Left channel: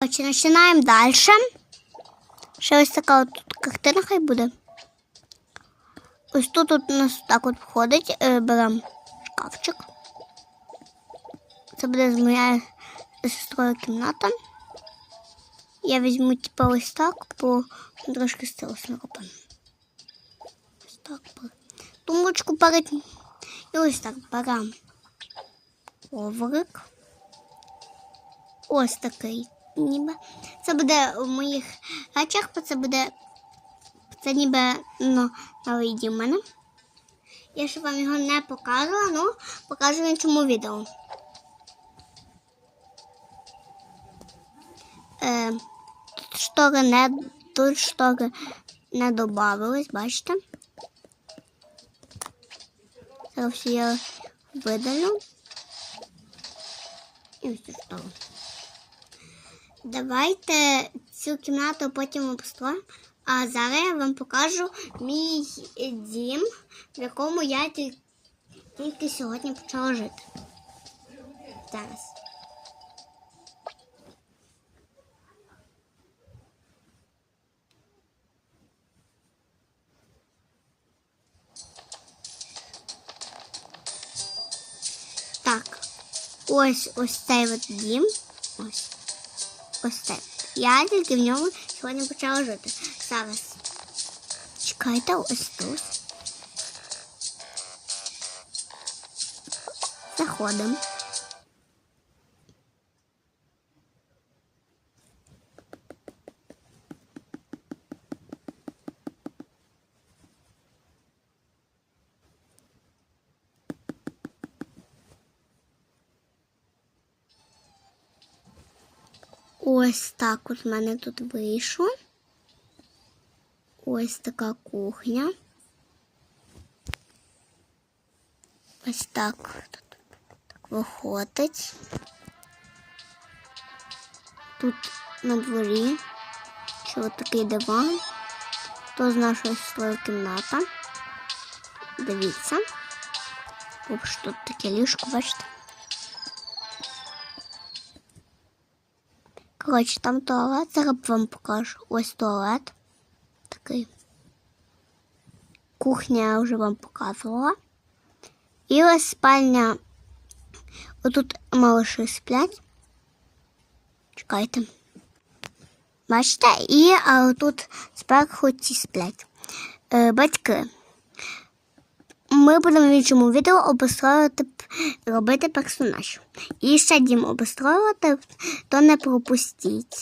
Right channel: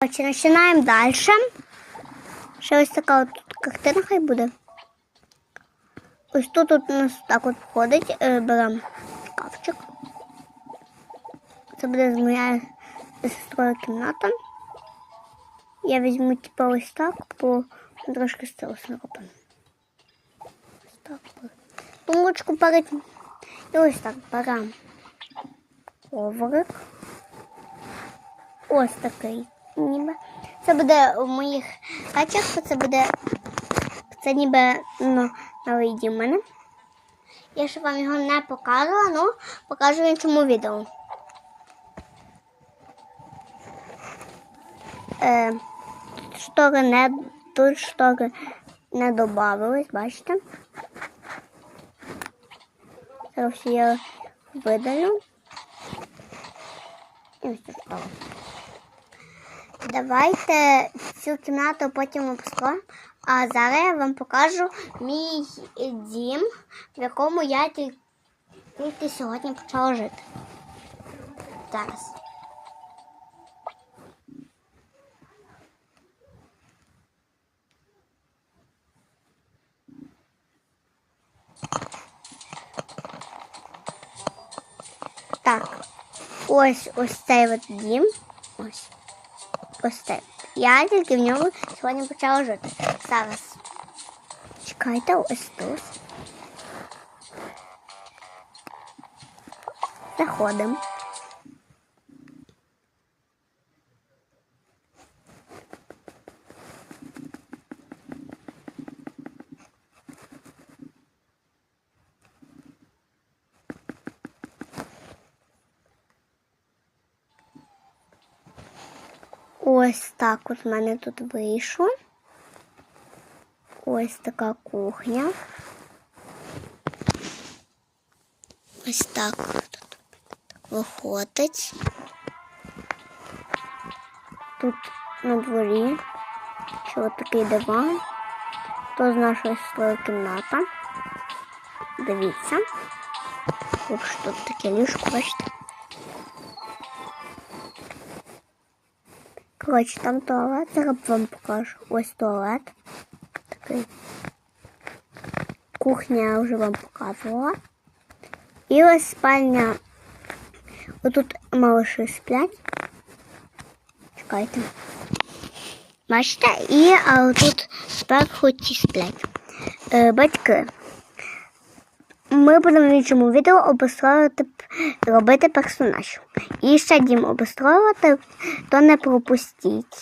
Коротше, починаємо далі. Ще ось така от тут картина хай буде. Ось тут от у нас так от входить. Е, беремо шкафчик. Це буде з моєю сестрою кімната. Я візьму типу ось так, бо трошки стилося не робимо. Ось так. Тумбочку перед. І ось так беремо коврик. Ось такий Ніби. Це буде в моїх речах, це буде. Це ніби ну, новий дім у мене. Я ще вам його не показувала, ну покажу в іншому відео. Е, тут штори не тут штори не додавились, бачите? Це все я видалю. І ось школу. Давайте цю кімнату потім обстроїмо. А зараз я вам покажу мій дім, в якому я тільки сьогодні почала жити. Зараз. Так, ось ось цей от дім. Ось. Ось. Я тільки в ньому сьогодні почала жити. Зараз. Чекайте, ось тут. Заходимо. Ось так от в мене тут вийшло. Ось така кухня. Ось так тут виходить. Тут на дворі що такий диван. То з нашої своєї кімната. Дивіться. Тут тут таке ліжко, бачите? Коротше, там туалет, зараз вам покажу. Ось туалет. Такий. Кухня я вже вам показувала. І ось спальня. Отут малыші сплять. Чекайте. Бачите? І а тут зверху ті сплять. Е, батьки. Ми будемо в іншому відео обустроювати, робити персонаж. І ще дім обустроювати, то не пропустіть.